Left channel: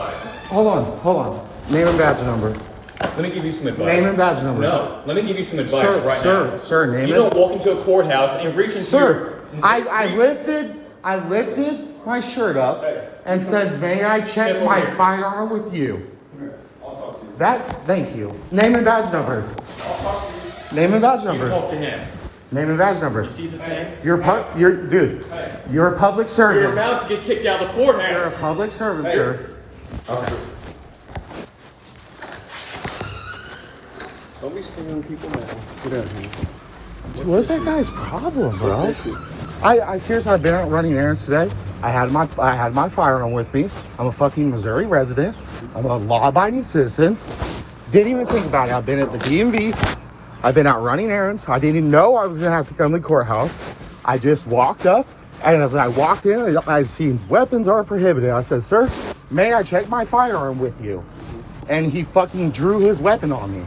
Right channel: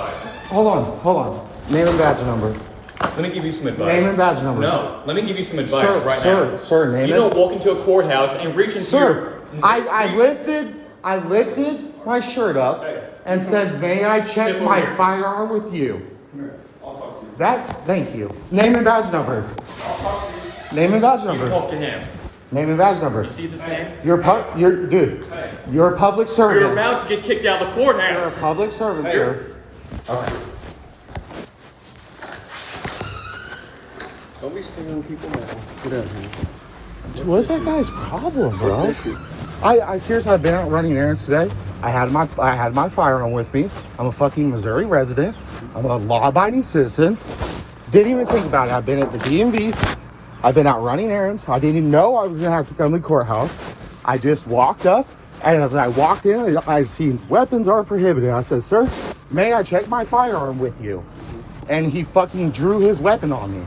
advice. Hold on. Name and badge number. Let me give you some advice. Name and badge number. No, let me give you some advice right now. Sir, name You it. don't walk into a courthourse and reach into Sir, your... I lifted my shirt up and said, may I check my firearm with you? Thank you. Name and badge number. Name and badge number. You talk to him. Name and badge number. You see this name? You're a public servant. You're about to get kicked out of the courthouse. You're a public servant, sir. Don't be stealing people now. Get out of here. What's that guy's problem, bro? I seriously, I've been out running errands today. I had my firearm with me. I'm a fucking Missouri resident. I'm a law-abiding citizen. Didn't even think about it. I've been at the DMV. I've been out running errands. I didn't even know I was gonna have to come to the courthouse. I just walked up, and as I walked in, I seen weapons are prohibited. I said, "Sir, may I check my firearm with you?" And he fucking drew his weapon on me.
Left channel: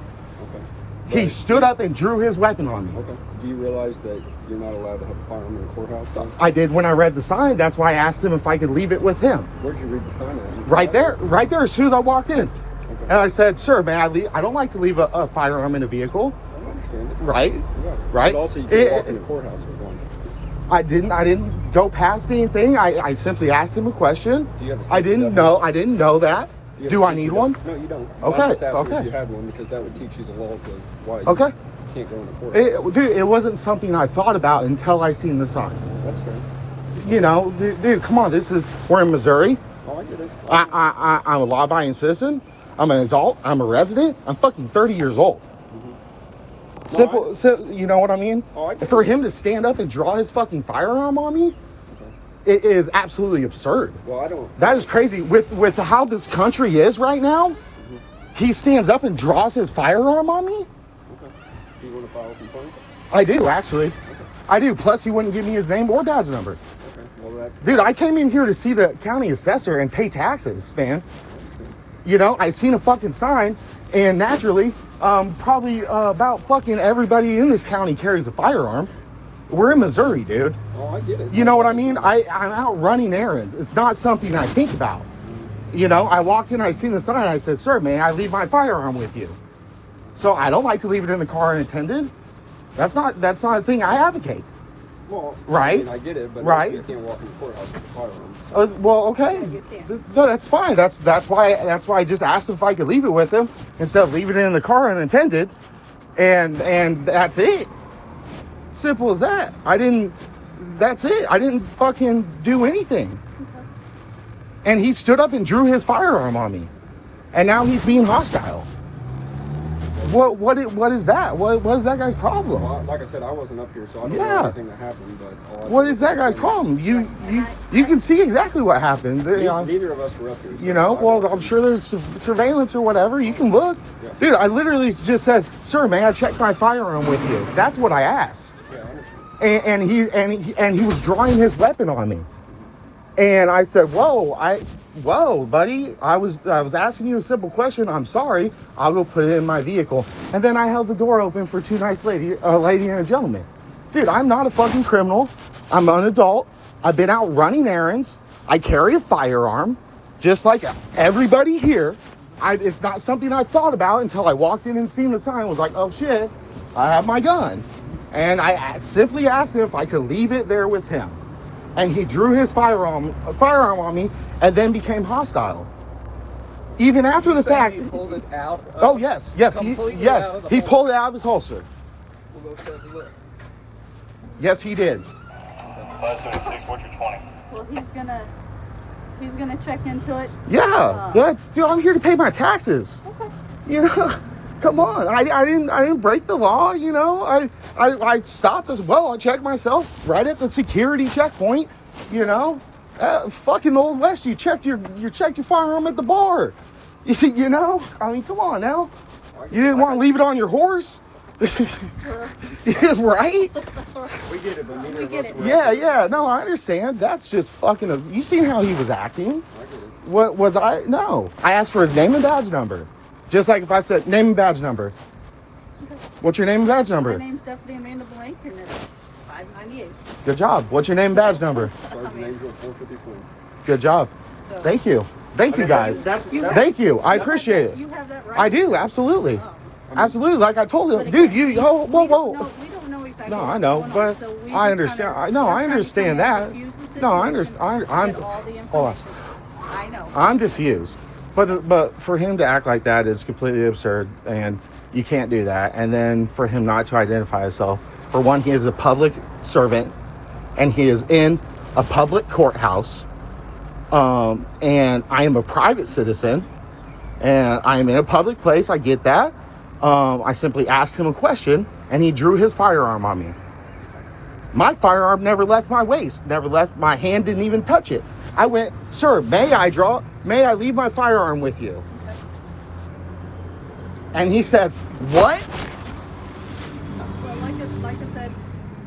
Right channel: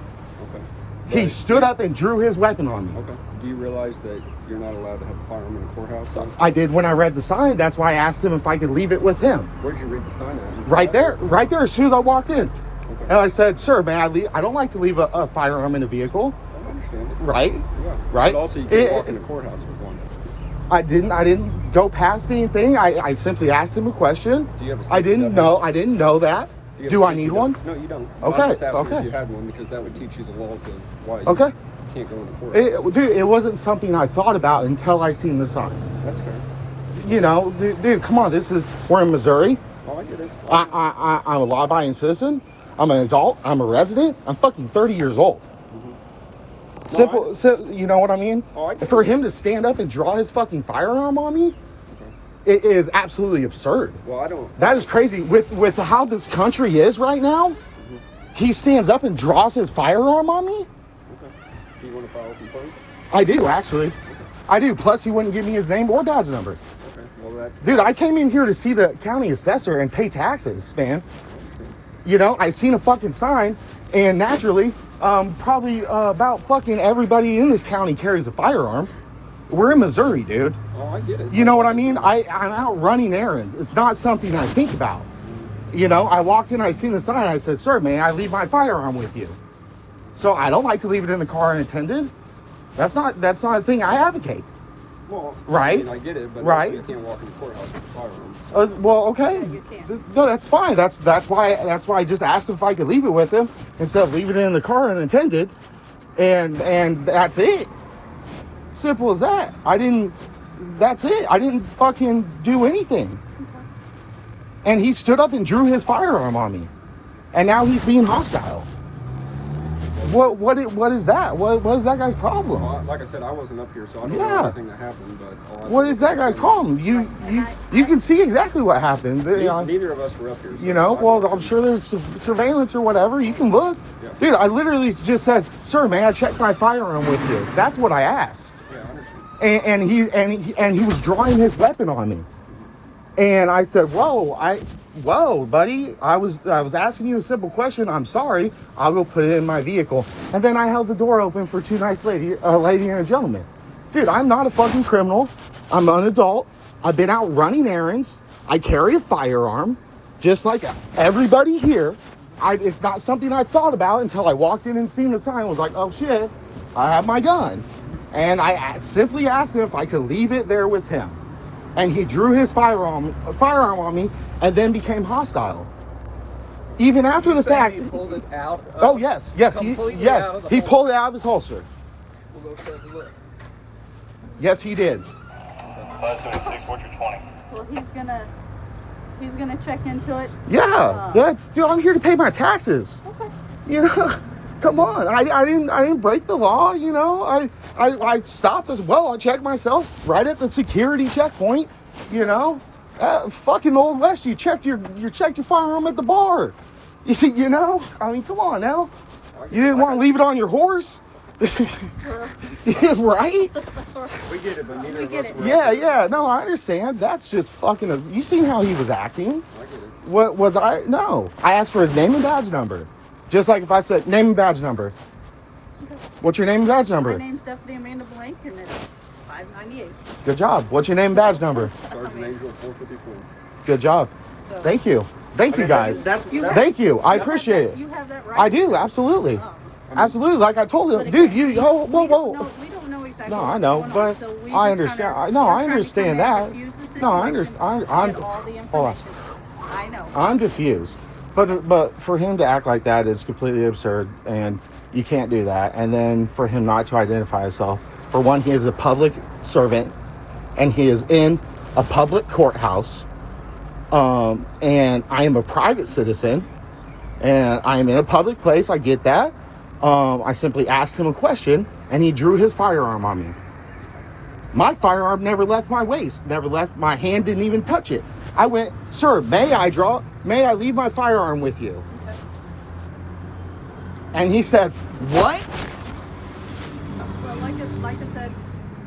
He stood up and drew his weapon on me. Okay. Do you realize that you're not allowed to have a firearm in the courthouse, though? I did when I read the sign. That's why I asked him if I could leave it with him. Where'd you read the sign at? Right there, as soon as I walked in. Okay. And I said, "Sir, may I leave? I don't like to leave a firearm in a vehicle." I understand it. Right? Right? But also, you can't walk in the courthouse with one. I didn't go past anything. I simply asked him a question. Do you have a I didn't know that. Do I need one? No, you don't. Okay. I was just asking if you had one because that would teach you the laws of why you can't go in the courthouse. Dude, it wasn't something I thought about until I seen the sign. That's fair. You know, dude, come on. We're in Missouri. Oh, I get it. I'm a law-abiding citizen. I'm an adult. I'm a resident. I'm fucking 30 years old. Simple, you know what I mean? For him to stand up and draw his fucking firearm on me, it is absolutely absurd. Well, I don't. That is crazy. With how this country is right now, he stands up and draws his firearm on me. Okay. Do you want to file a complaint? I do, actually. Okay. I do. Plus, he wouldn't give me his name or badge number. Okay. Well, dude, I came in here to see the county assessor and pay taxes, man. You know, I seen a fucking sign, and naturally, probably about fucking everybody in this county carries a firearm. We're in Missouri, dude. Oh, I get it. You know what I mean? I'm out running errands. It's not something I think about. You know, I walked in, I seen the sign, I said, "Sir, may I leave my firearm with you?" So I don't like to leave it in the car unattended. That's not a thing I advocate. Well, right? I mean, I get it, but right? You can't walk in the courthouse with a firearm. Well, okay. No, that's fine. That's why I just asked him if I could leave it with him instead of leaving it in the car unattended, and that's it. Simple as that. That's it. I didn't fucking do anything. And he stood up and drew his firearm on me. And now he's being hostile. What is that? What is that guy's problem? Well, like I said, I wasn't up here, so I don't know everything that happened. But what is that guy's problem? You can see exactly what happened. Neither of us were up here. So you know, well, I'm sure there's surveillance or whatever. You can look. Yeah. Dude, I literally just said, "Sir, may I check my firearm with you?" That's what I asked. Yeah, and he was drawing his weapon on me. And I said, whoa, buddy, I was asking you a simple question. I'm sorry. I will put it in my vehicle. And then I held the door open for two nice lady and a gentleman. Dude, I'm not a fucking criminal. I'm an adult. I've been out running errands. I carry a firearm, just like everybody here. It's not something I thought about until I walked in and seen the sign. I was like, oh shit, I have my gun. And I simply asked him if I could leave it there with him. And he drew his firearm on me and then became hostile. Even after the fact. He pulled it out? Oh, yes. He pulled it out of his holster. We'll go take a look. Yes, he did. Well, he's gonna check into it. Yeah, dude, I'm here to pay my taxes. Okay. You know, come on. I didn't break the law. You know, I stopped as well. I checked myself right at the security checkpoint. You know, fucking Old West. You checked your firearm at the bar. You know, I mean, come on now. You didn't want to leave it on your horse. Yes, right? We get it, but neither of us were. Yeah. No, I understand. That's just fucking. You seen how he was acting? I get it. What was I? No, I asked for his name and badge number. Just like if I said name and badge number. Okay. What's your name and badge number? My name's Deputy Amanda Blank, and it's 598. Good job. What's your name and badge number? Sergeant Angel 454. Good job. So Thank you. Thank you, guys. Thank you. I appreciate it. you have that right. I do, absolutely. Oh. Absolutely. Like I told But him, dude, again, you, oh, whoa, we don't whoa. know- We don't know exactly. No, I what's know, going on, but so we I just understand. kinda- No, we're I trying to understand come in, that. diffuse the No, I situation, understand. get all the Hold on. information. I know. I'm diffused. But for him to act like that is completely absurd, and you can't do that. And then for him not to identify himself, for one, he is a public servant, and he is in a public courthouse. And I am a private citizen, and I am in a public place. I get that. I simply asked him a question, and he drew his firearm on me. My firearm never left my waist, never left my hand, didn't even touch it. I went, sir, may I leave my firearm with you? And he said, what? Well, like I said,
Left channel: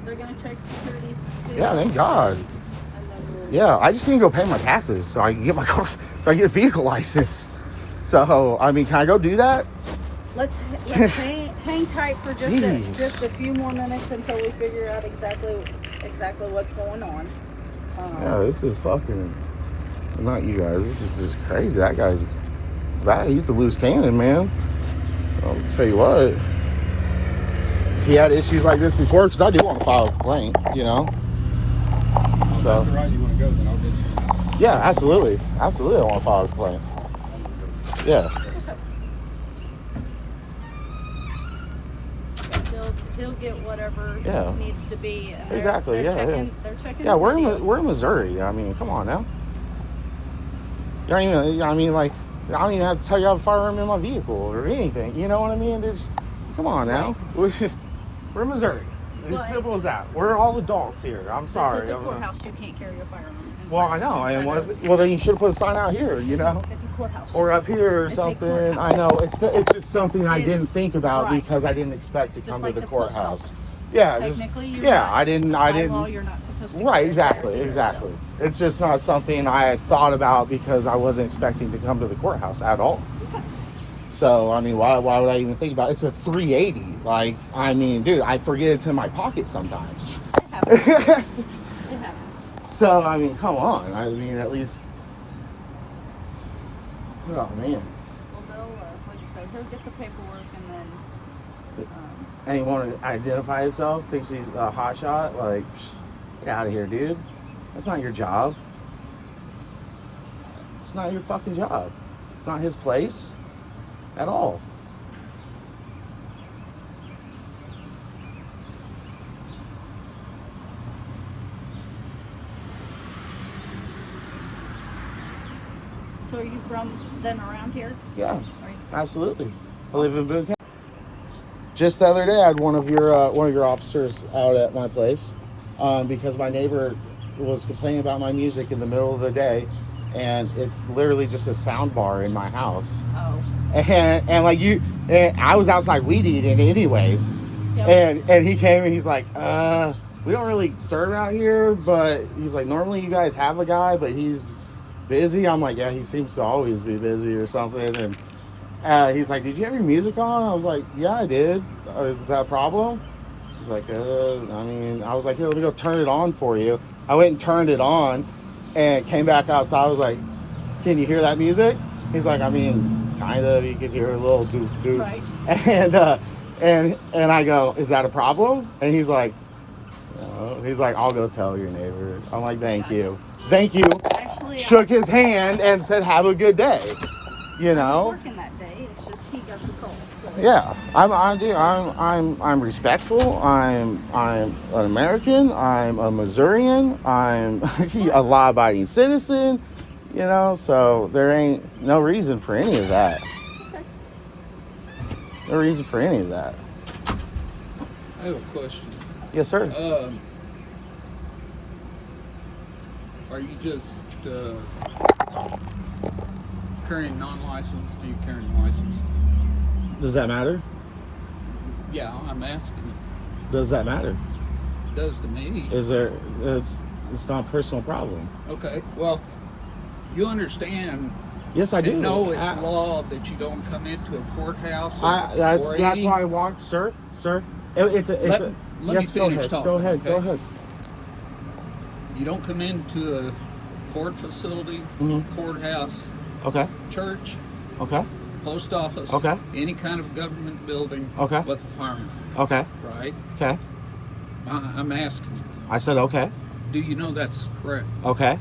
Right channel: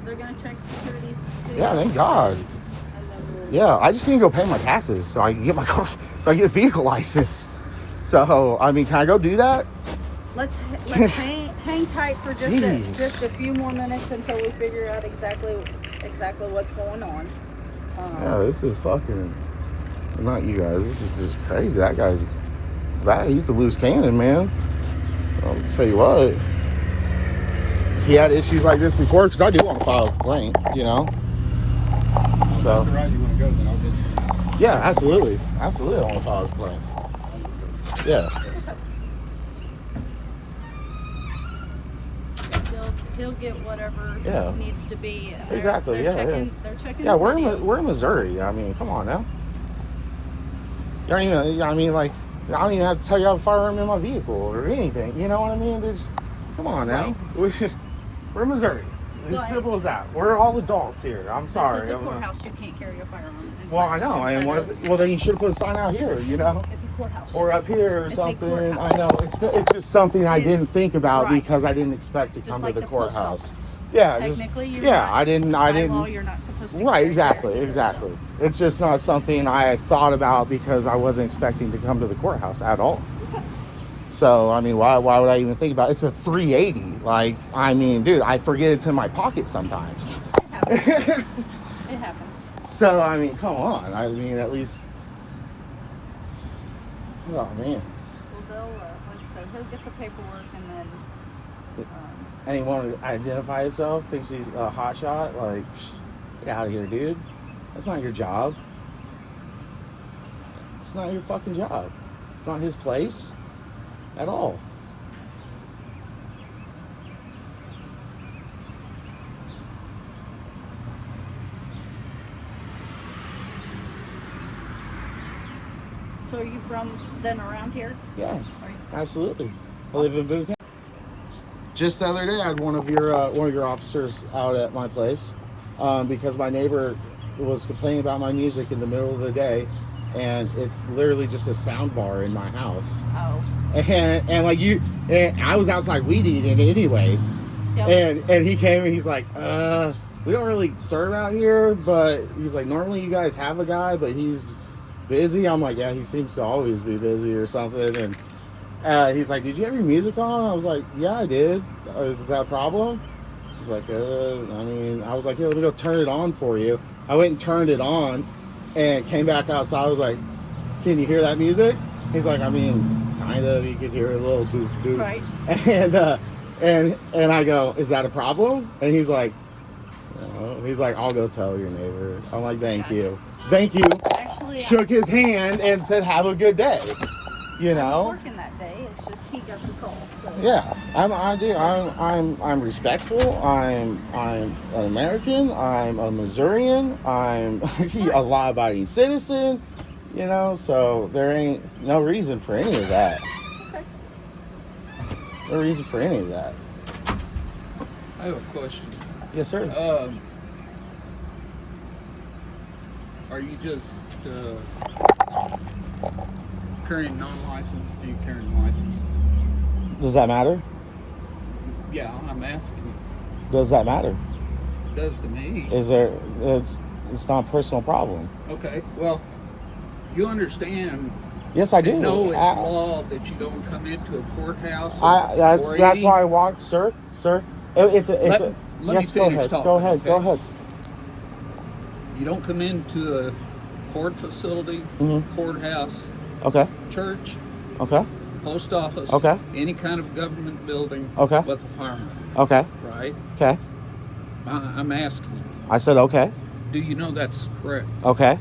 they're gonna check security. Yeah, thank God. And then we'll, Yeah, I just need to go pay my taxes so I can get my car, so I can get a vehicle license. So, I mean, can I go do that? let's hang tight for just a few more minutes until we figure out exactly what's going on. Oh, this is fucking, not you guys, this is just crazy. He's a loose cannon, man. I'll tell you what. He had issues like this before, because I do want to file a complaint, you know? If that's the route you want to go, then I'll get you. Yeah, absolutely. Absolutely, I want to file a complaint. Yeah. He'll get whatever Yeah. needs to be. Exactly, They're checking. Yeah, we're in Missouri. I mean, come on now. You know, I mean, like, I don't even have to tell you I have a firearm in my vehicle or anything. You know what I mean? Just, come on now. We're in Missouri. Well, It's simple as that. We're all adults here. I'm sorry. This is a courthouse. You can't carry a firearm. Well, I know. Well, then you should have put a sign out here, you know? It's a courthouse. Or up here or It's a something. courthouse. I know. It's just something I didn't think about right. because I didn't expect to Just come like to the post courthouse. office. Yeah. Technically, you're yeah, not. I didn't. By law, you're not supposed to. Right, carry exactly, either, exactly. so. It's just not something I had thought about because I wasn't expecting to come to the courthouse at all. So, I mean, why would I even think about it? It's a 380. Like, I mean, dude, I forget it's in my pocket sometimes. It happens. It happens. So, I mean, come on. I mean, at least... Oh, man. So he'll get the paperwork and then... And he wanted to identify himself, thinks he's a hotshot. Like, get out of here, dude. That's not your job. It's not your fucking job. It's not his place at all. So are you from then around here? Yeah, Right. absolutely. I live in Boone County. Just the other day, I had one of your officers out at my place because my neighbor was complaining about my music in the middle of the day, and it's literally just a sound bar in my house. Oh. And like and I was outside weed eating anyways, Yep. and he came and he's like, we don't really serve out here, but he's like, normally you guys have a guy, but he's busy. I'm like, yeah, he seems to always be busy or something. And he's like, did you have your music on? I was like, yeah, I did. Is that a problem? He's like, I mean, I was like, here, let me go turn it on for you. I went and turned it on and came back outside. I was like, can you hear that music? He's like, I mean, kind of. You could hear a little doof doof. Right. And I go, is that a problem? And he's like, no. He's like, I'll go tell your neighbor. I'm like, thank you. Thank you. Actually, Shook his hand and said, have a good day. You I know? was working that day. It's just he got the call. So. Yeah, I'm respectful. I'm an American. I'm a Missourian. I'm a law-abiding citizen. You know, so there ain't no reason for any of that. Okay. No reason for any of that. I have a question. Yes, sir. Are you just carrying non-licensed? Do you carry licensed? Does that matter? Yeah, I'm asking. Does that matter? It does to me. Is there? It's not a personal problem. Okay, well, you understand. Yes, I do. You know it's law that you don't come into a courthouse. That's why I walked, sir. Let me yes, finish talking. Go ahead. Okay? Go ahead. You don't come into a court facility, courthouse, Okay. church, Okay. post office, Okay. any kind of government building Okay. with a firearm, Okay. right? Okay. I'm asking you, I said okay. do you know that's correct? Okay.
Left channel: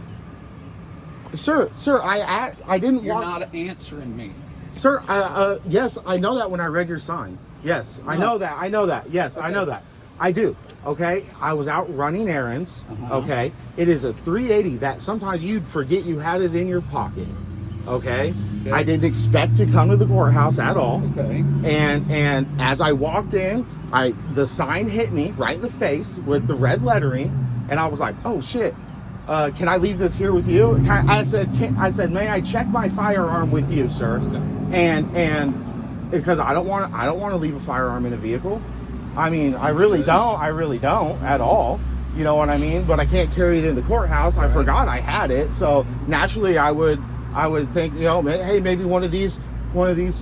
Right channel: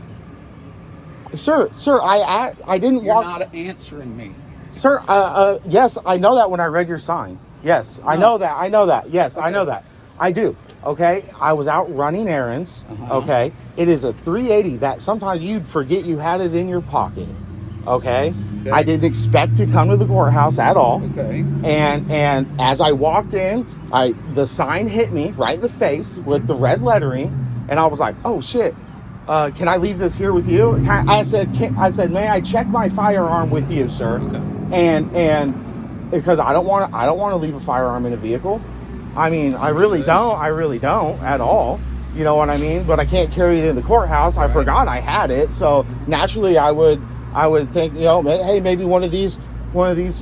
Sir, I didn't You're walk. not answering me. Sir, yes, I know that when I read your sign. Yes, I know that. I know that. Yes, I know that. I do. Okay. I was out running errands. Okay. It is a 380 that sometimes you'd forget you had it in your pocket. Okay. I didn't expect to come to the courthouse at all. Okay. And as I walked in, the sign hit me right in the face with the red lettering, and I was like, "Oh shit! Can I leave this here with you?" I said, "May I check my firearm with you, sir?" And because I don't want to leave a firearm in a vehicle. I mean, I really don't at all. You know what I mean? But I can't carry it in the courthouse. I forgot I had it, so naturally I would think, you know, hey, maybe one of these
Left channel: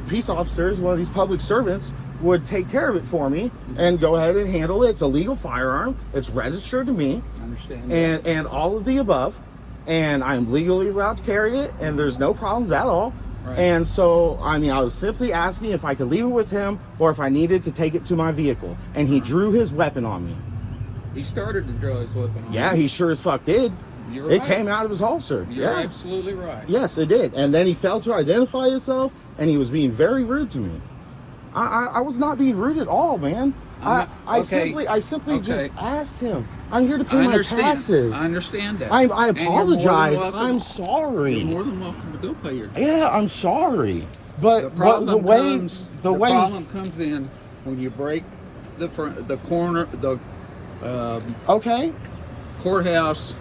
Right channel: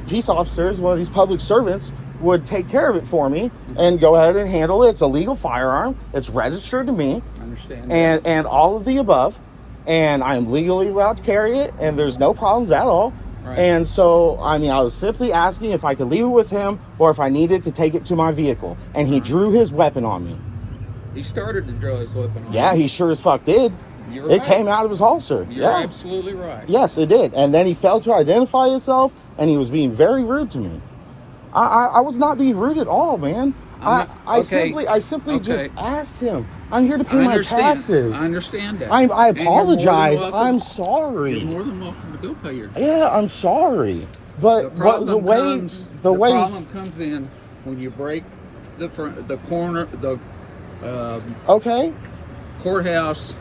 peace officers, one of these public servants would take care of it for me and go ahead and handle it. It's a legal firearm. It's registered to me. I understand. And all of the above. And I'm legally allowed to carry it, and there's no problems at all. Right. And so, I mean, I was simply asking if I could leave it with him or if I needed to take it to my vehicle. And he drew his weapon on me. He started to draw his weapon on Yeah, you. he sure as fuck did. You're It right. came out of his holster. You're absolutely right. Yes, it did. And then he failed to identify himself, and he was being very rude to me. I was not being rude at all, man. I simply just asked him. I'm here to pay my taxes. I understand that. I apologize. I'm You're sorry. more than welcome to go pay your taxes. Yeah, I'm sorry. But the problem comes in when you break the corner, the okay. courthouse.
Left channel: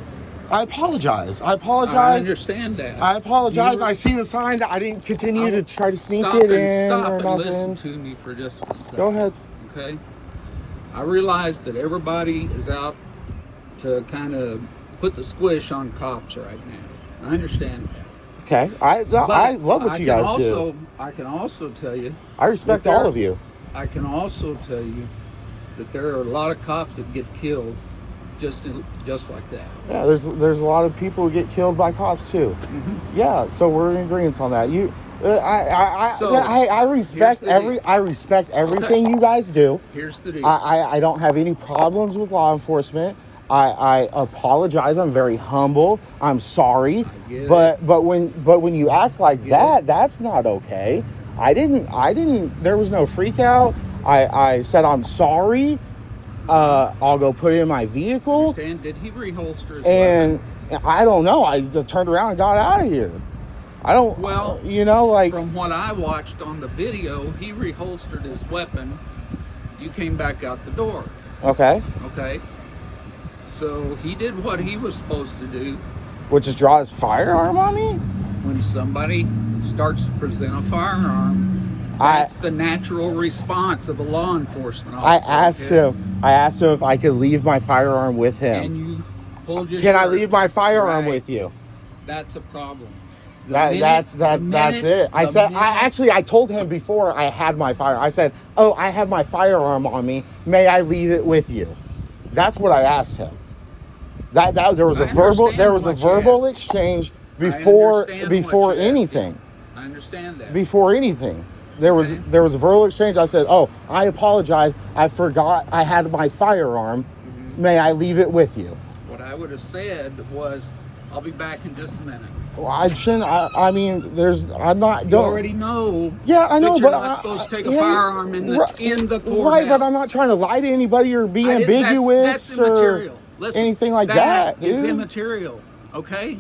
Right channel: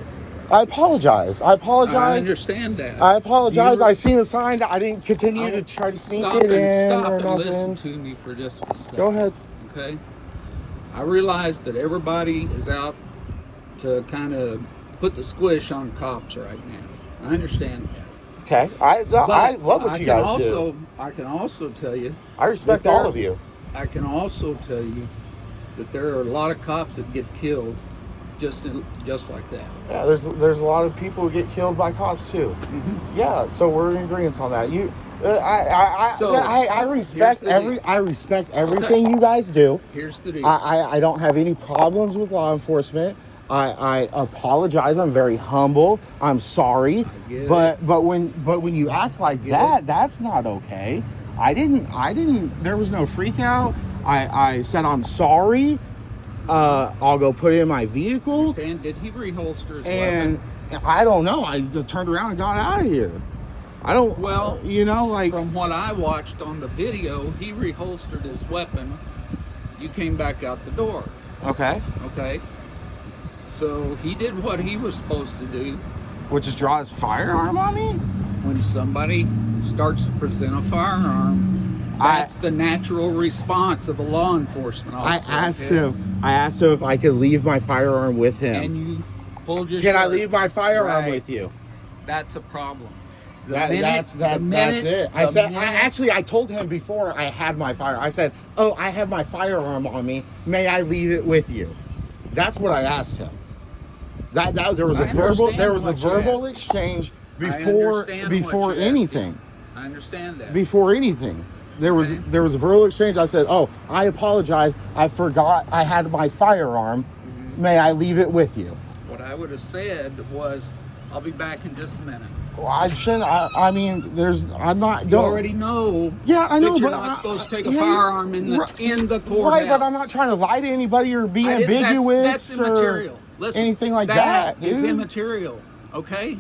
I apologize. I understand that. I apologize. I seen the sign that I didn't continue to try to sneak it in or nothing. Listen to me for just a second. Go ahead. Okay. I realize that everybody is out to kind of put the squish on cops right now. I understand that. Okay. I love what you guys do. I can also tell you. I respect all of you. I can also tell you that there are a lot of cops that get killed just like that. Yeah, there's a lot of people who get killed by cops too. Yeah, so we're in agreement on that. I respect everything you guys do. Here's the deal. I don't have any problems with law enforcement. I apologize. I'm very humble. I'm sorry. But when you act like that, that's not okay. I didn't there was no freak out. I said I'm sorry. I'll go put it in my vehicle. Did he reholster his and weapon? I don't know. I just turned around and got out of here. I don't, well, you know, like. From what I watched on the video, he reholstered his weapon. You came back out the door. Okay. Okay. So he did what he was supposed to do. Which is draw his firearm on me? When somebody starts to present a firearm, that's the natural response of a law enforcement officer. I asked him if I could leave my firearm with him. And you pulled your Can shirt. I leave my firearm with you? That's a problem. That's it. I told him before I had my firearm. I said, "Oh, I have my firearm on me. May I leave it with you?" That's what I asked him. That there was a verbal exchange before anything. I understand that. Before anything. There was a verbal exchange. I said, "Oh, I apologize. I forgot I had my firearm. May I leave it with you?" What I would have said was, "I'll be back in just a minute." I shouldn't. You already know. Yeah, I know, that you're but not supposed to take a firearm in the courthouse. Right, but I'm not trying to lie to anybody or be ambiguous that's or anything like that, dude. It's immaterial. Okay.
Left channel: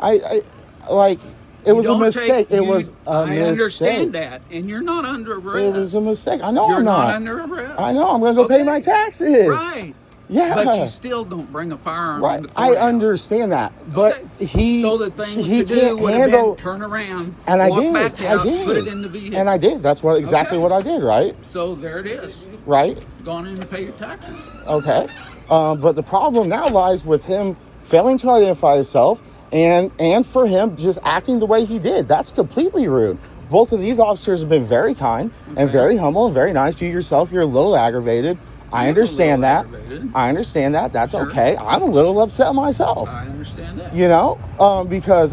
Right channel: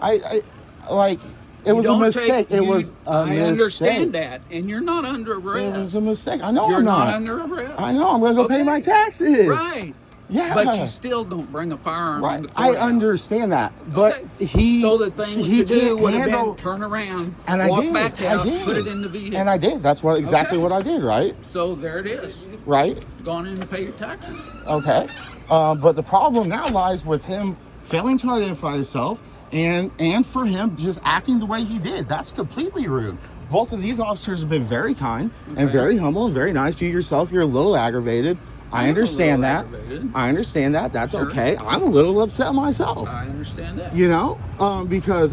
It was a mistake. It was a mistake. I understand that, and you're not under arrest. It was a mistake. I know I'm not not. under arrest. I know. I'm going to go pay my taxes. Right. Yeah. But you still don't bring a firearm. Right. In the I understand that, but he can't handle. Turn around. And I walk did. back out, I did. Put it in the vehicle. And I did. That's exactly what I did. Right. So there it is. Right. Gone in to pay your taxes. Okay. But the problem now lies with him failing to identify himself and for him just acting the way he did. That's completely rude. Both of these officers have been very kind and very humble and very nice to you yourself. You're a little aggravated. I understand that. understood. I understand that. That's Sure. okay. I'm a little upset myself. I understand that. You know, because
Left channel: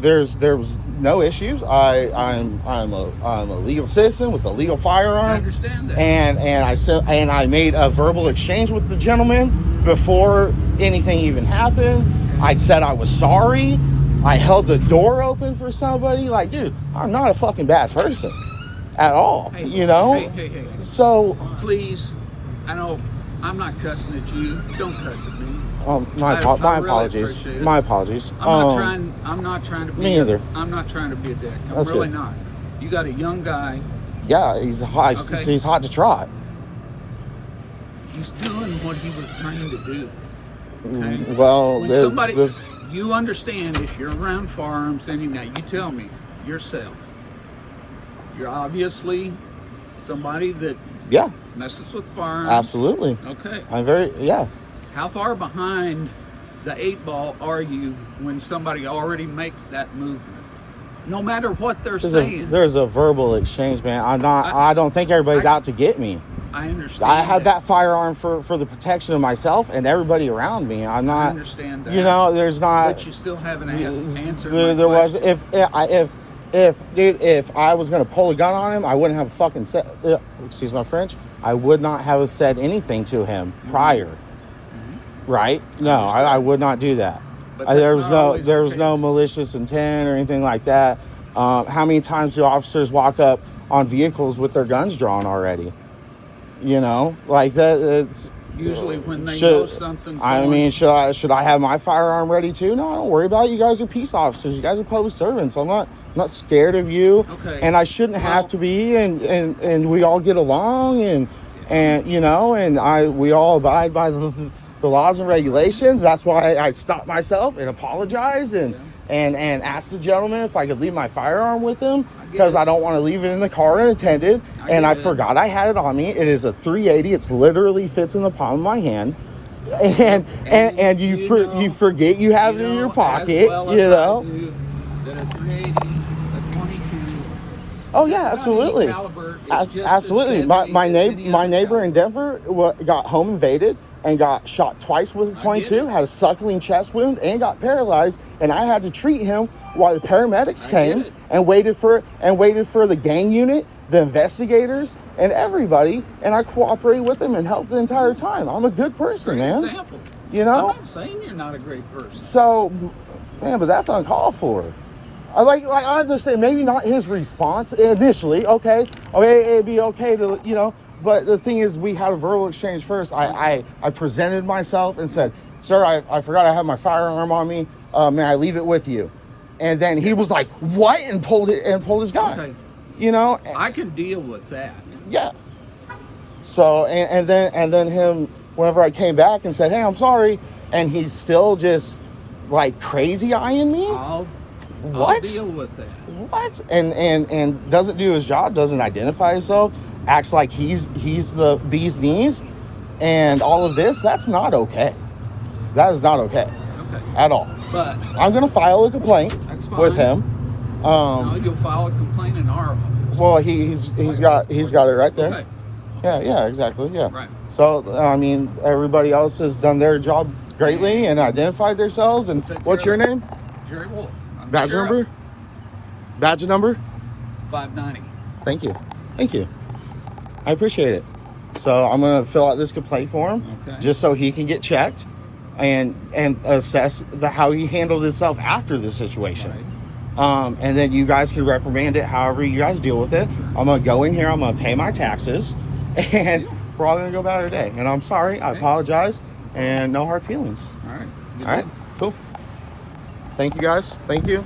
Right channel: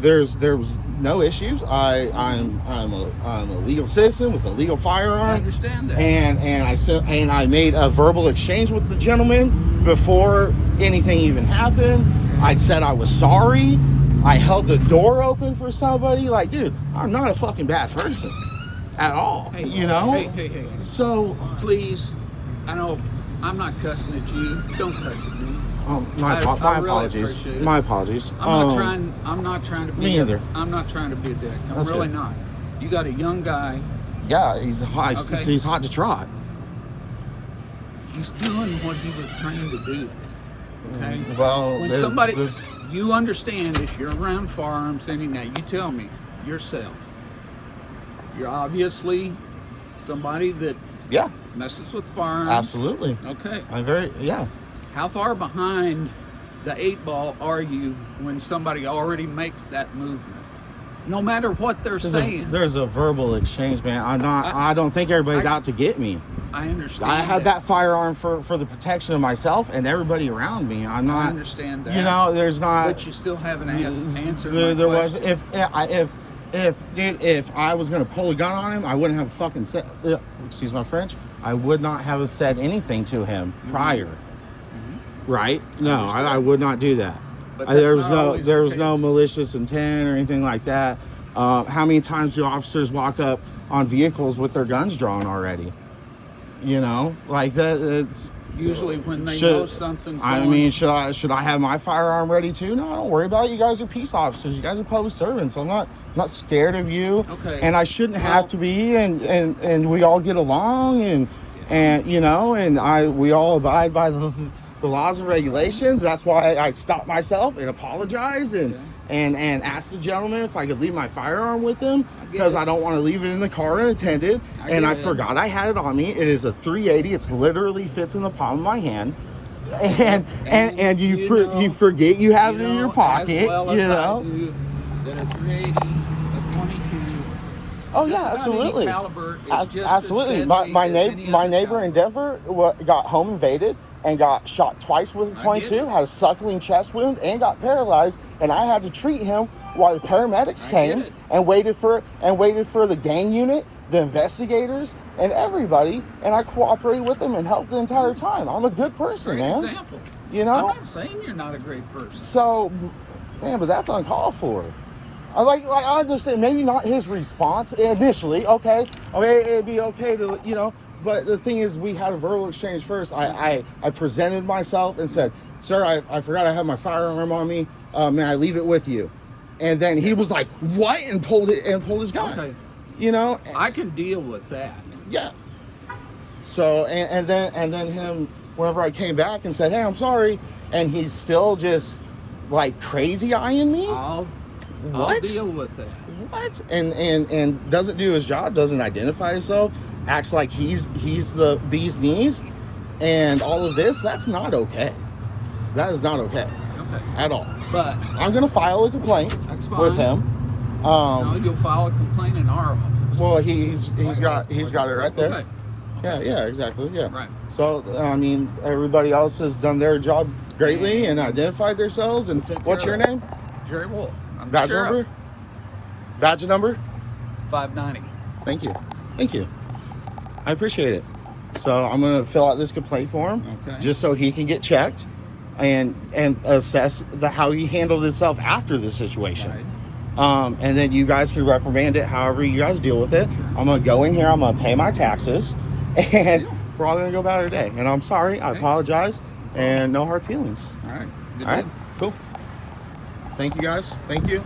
there's no issues. I'm a legal citizen with a legal I firearm. understand that. And I made a verbal exchange with the gentleman before anything even happened. I said I was sorry. I held the door open for somebody. Like, dude, I'm not a fucking bad person at all. Hey, you know. hey. So Please, I know I'm not cussing at you. Don't cuss at me. my I really apologies. appreciate it. My apologies. I'm not trying to be. Me either. I'm not trying to be a dick. I'm That's really good. not. You got a young guy. Yeah, he's hot. Okay. He's hot to trot. He's doing what he was trying to do. Okay? Well, When somebody, you understand if you're around firearms anyway, you tell me you're safe. You're obviously somebody that yeah, messes with firearms. absolutely. Okay. Yeah. How far behind the 8 ball are you when somebody already makes that movement? No matter what they're saying. There's a verbal exchange, man. I don't think everybody's out to get me. I understand. I had that firearm for the protection of myself and everybody around me. I'm not. I understand that. You know, there's not. But you still haven't answered. There was if I was gonna pull a gun on him, I wouldn't have fucking said. Excuse my French. I would not have said anything to him prior. Mm-hmm. Right? No, I would not do that. There was no malicious intent or anything like that. How many times do officers walk up on vehicles with their guns drawn already? You know, like that. It's usually when they know something's I going. mean, should I have my firearm ready too? No, don't worry about it. You guys are peace officers. You guys are public servants. I'm not scared of you. Okay. And I shouldn't have to be. And we all get along. And you know, we all abide by the laws and regulations. That's why I stopped myself and apologized and asked the gentleman if I could leave my firearm with him because I don't want to leave it in the car unattended. I forgot I had it on me. It is a 380. It's literally fits in the palm of my hand. And you forget you have it in your pocket. You know. That a 380, a 22. Oh yeah, absolutely. Caliber, it's just Absolutely. as deadly My as any other neighbor in caliber. Denver got home invaded and got shot twice with a 22, had a suckling chest wound, and got paralyzed. And I had to treat him while the paramedics came and waited for the gang unit, the investigators, and everybody. And I cooperated with them and helped the entire time. I'm a good person, Great man. example. You know. I'm not saying you're not a great person. So, man, but that's uncalled for. I understand maybe not his response initially. Okay, it'd be okay to, you know. But the thing is, we had a verbal exchange first. I presented myself and said, "Sir, I forgot I have my firearm on me. May I leave it with you?" And then he was like, "What?" and pulled his gun. Okay. You know. I can deal with that. Yeah. So and then him, whenever I came back and said, "Hey, I'm sorry," and he's still just like crazy eyeing me. What? I'll deal with that. What? And doesn't do his job, doesn't identify himself, acts like he's the bee's knees, and all of this. That's not okay. That is not okay at all. But I'm gonna file a complaint with him. you'll file a complaint in our office. Well, he's got it right there. Okay. Yeah, exactly. Yeah. Right. So I mean, everybody else has done their job greatly and identified themselves. And what's your name? Jerry Wolf. Badge number? Badge number? 590. Thank you. I appreciate it. So I'm gonna fill out this complaint form, just so he can get checked and assess how he handled himself after the situation. Right. And then you guys can reprimand it however you guys deal with it. I'm gonna go in here, I'm gonna pay my taxes, and we're all gonna go about our day. And I'm sorry, I apologize, and no hard feelings. All right. All right, cool. Thank you guys. Thank you.